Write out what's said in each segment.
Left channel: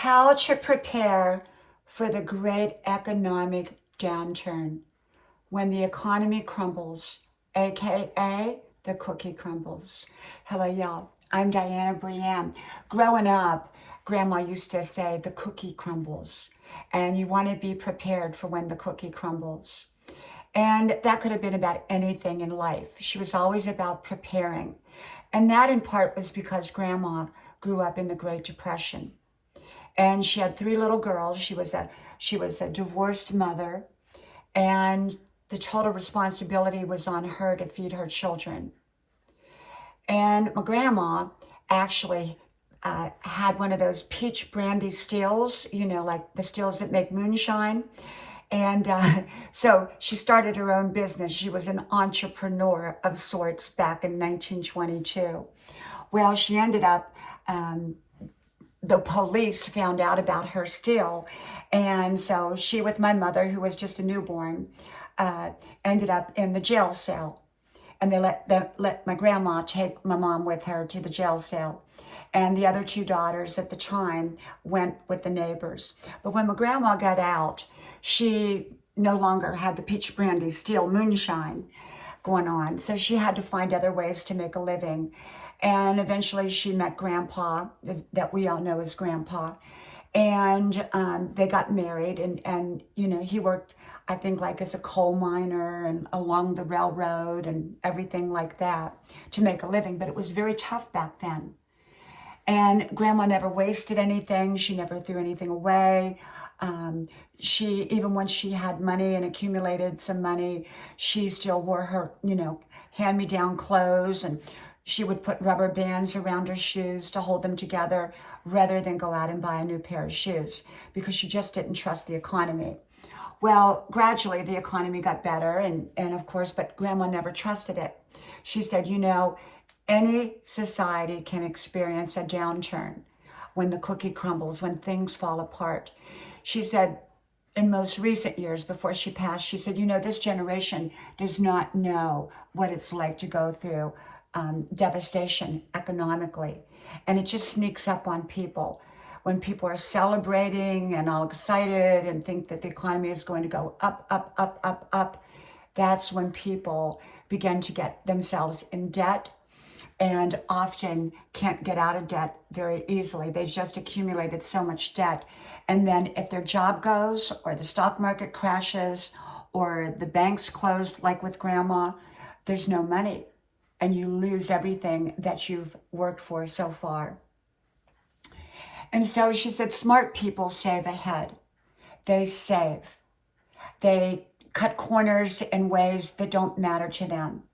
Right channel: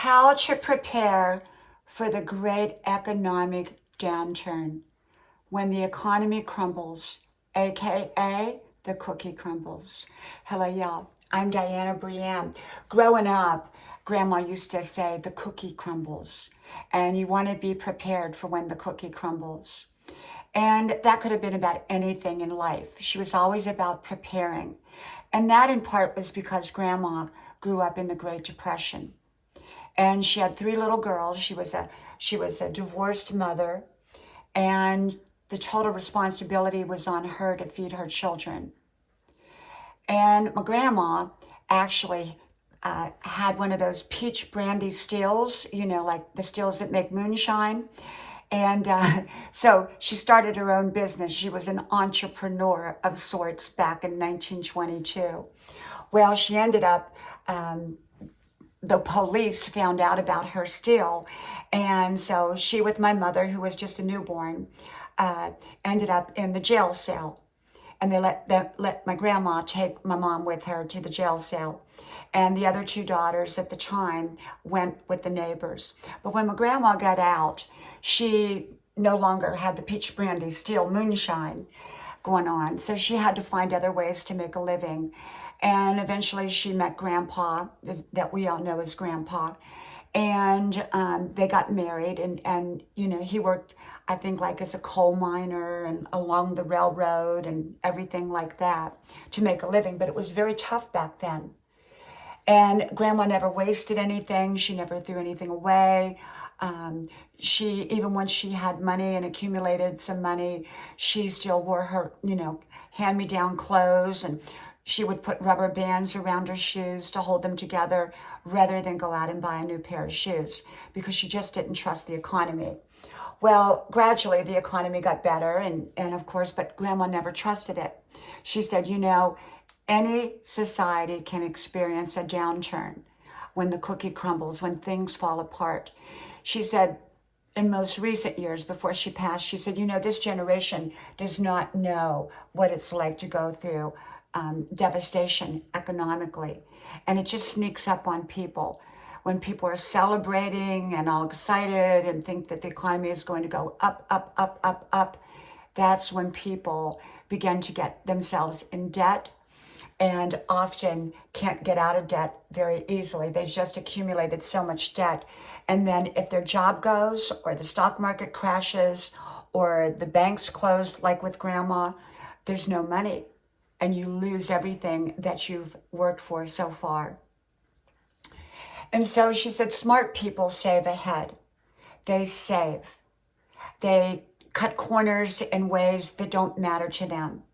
how to prepare for the great economic downturn when the economy crumbles, aka the cookie crumbles. Hello, y'all. I'm Diana Brienne. Growing up, Grandma used to say the cookie crumbles, and you want to be prepared for when the cookie crumbles. And that could have been about anything in life. She was always about preparing. And that in part was because Grandma grew up in the Great Depression. And she had three little girls. She was a divorced mother, and the total responsibility was on her to feed her children. And my grandma actually had one of those peach brandy stills, like the stills that make moonshine. And so she started her own business. She was an entrepreneur of sorts back in 1922. Well, she ended up, the police found out about her still. And so she, with my mother, who was just a newborn, ended up in the jail cell. And they let my grandma take my mom with her to the jail cell. And the other two daughters at the time went with the neighbors. But when my grandma got out, she no longer had the peach brandy steel moonshine going on. So she had to find other ways to make a living. And eventually she met Grandpa, that we all know as Grandpa. And they got married. And he worked, I think, like as a coal miner and along the railroad and everything like that to make a living. But it was very tough back then. And Grandma never wasted anything. She never threw anything away. Even when she had money and accumulated some money, she still wore her, hand-me-down clothes, and she would put rubber bands around her shoes to hold them together rather than go out and buy a new pair of shoes because she just didn't trust the economy. Well, gradually the economy got better, and of course, but Grandma never trusted it. She said, any society can experience a downturn when the cookie crumbles, when things fall apart. She said, in most recent years before she passed, she said, this generation does not know what it's like to go through devastation economically. And it just sneaks up on people. When people are celebrating and all excited and think that the economy is going to go up, up, up, up, up, that's when people begin to get themselves in debt and often can't get out of debt very easily. They just accumulated so much debt. And then if their job goes, or the stock market crashes, or the banks closed, like with Grandma, there's no money. And you lose everything that you've worked for so far. And so she said, smart people save ahead. They save. They cut corners in ways that don't matter to them.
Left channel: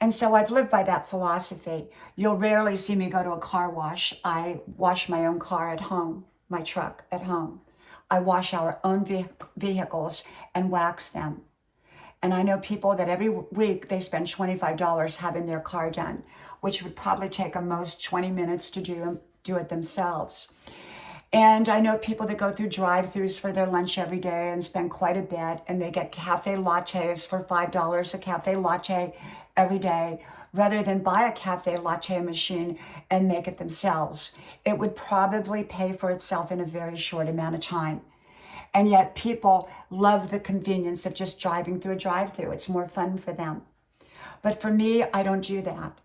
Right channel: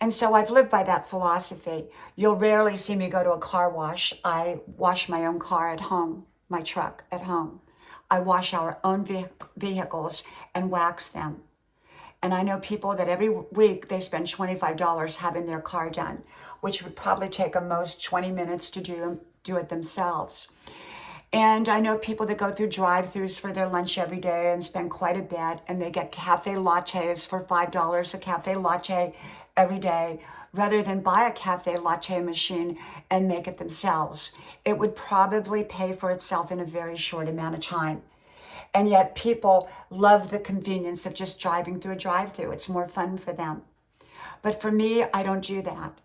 And so I've lived by that philosophy. You'll rarely see me go to a car wash. I wash my own car at home, my truck at home. I wash our own vehicles and wax them. And I know people that every week they spend $25 having their car done, which would probably take them most 20 minutes to do it themselves. And I know people that go through drive-thrus for their lunch every day and spend quite a bit, and they get cafe lattes for $5 a cafe latte every day, rather than buy a cafe latte machine and make it themselves. It would probably pay for itself in a very short amount of time. And yet people love the convenience of just driving through a drive-thru. It's more fun for them. But for me, I don't do that.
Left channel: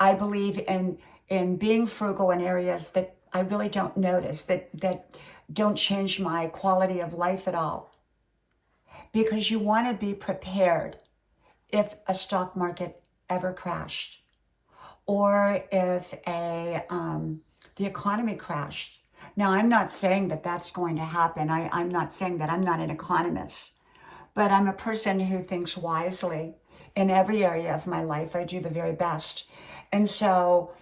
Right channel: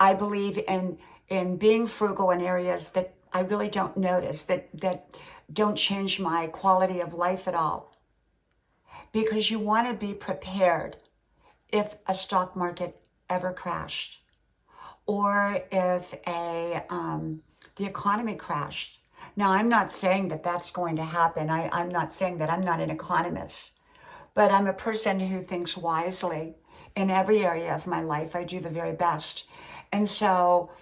I believe in being frugal in areas that I really don't notice, that don't change my quality of life at all. Because you want to be prepared if a stock market ever crashed, or if the economy crashed. Now, I'm not saying that that's going to happen. I'm not saying that. I'm not an economist. But I'm a person who thinks wisely. In every area of my life, I do the very best. And so,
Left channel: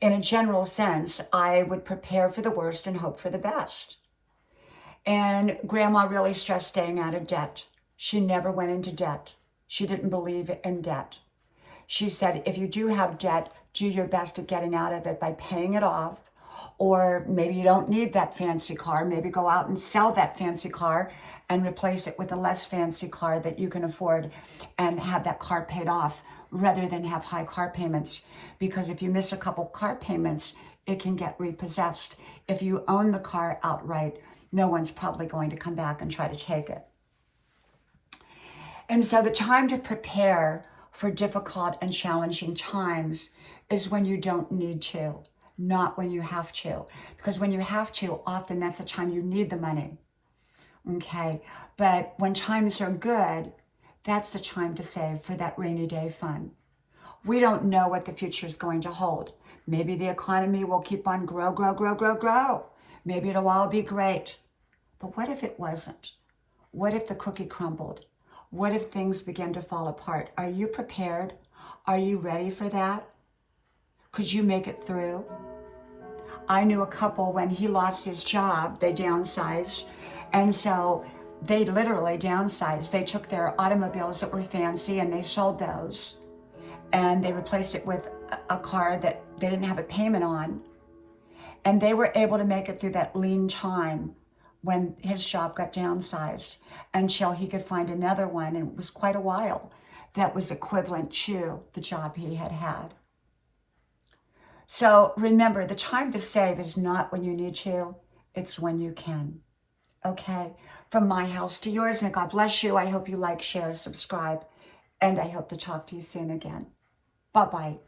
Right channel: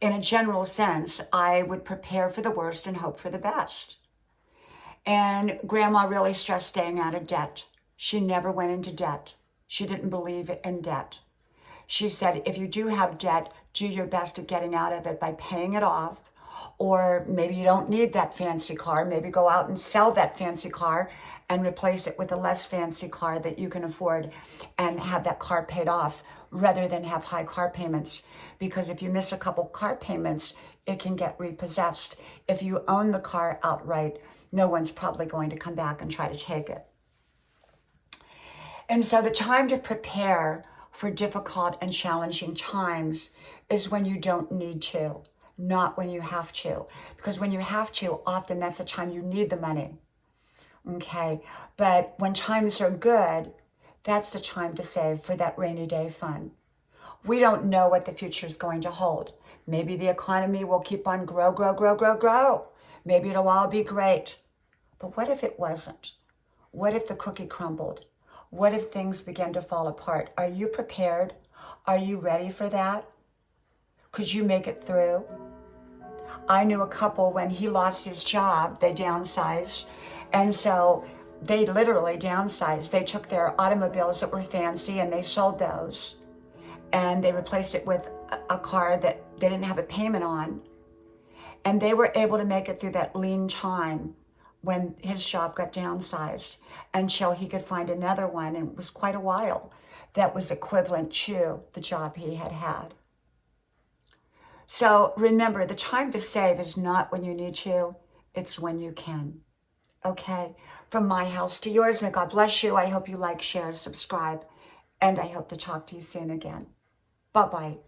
in a general sense, I would prepare for the worst and hope for the best. And Grandma really stressed staying out of debt. She never went into debt. She didn't believe in debt. She said, if you do have debt, do your best at getting out of it by paying it off. Or maybe you don't need that fancy car. Maybe go out and sell that fancy car and replace it with a less fancy car that you can afford and have that car paid off rather than have high car payments. Because if you miss a couple car payments, it can get repossessed. If you own the car outright, no one's probably going to come back and try to take it. And so the time to prepare for difficult and challenging times is when you don't need to, not when you have to. Because when you have to, often that's the time you need the money. Okay? But when times are good, that's the time to save for that rainy day fund. We don't know what the future is going to hold. Maybe the economy will keep on grow. Maybe it'll all be great. But what if it wasn't? What if the cookie crumbled? What if things began to fall apart? Are you prepared? Are you ready for that? Could you make it through? I knew a couple, when he lost his job, they downsized. And so they literally downsized. They took their automobiles that were fancy and they sold those. And they replaced it with a car that they didn't have a payment on. And they were able to make it through that lean time when his job got downsized until he could find another one. And it was quite a while that was equivalent to the job he had had. So remember, the time to save is not when you need to, it's when you can. Okay? From my house to yours, may God bless you. I hope you like, share, subscribe, and I hope to talk to you soon again. Bye-bye.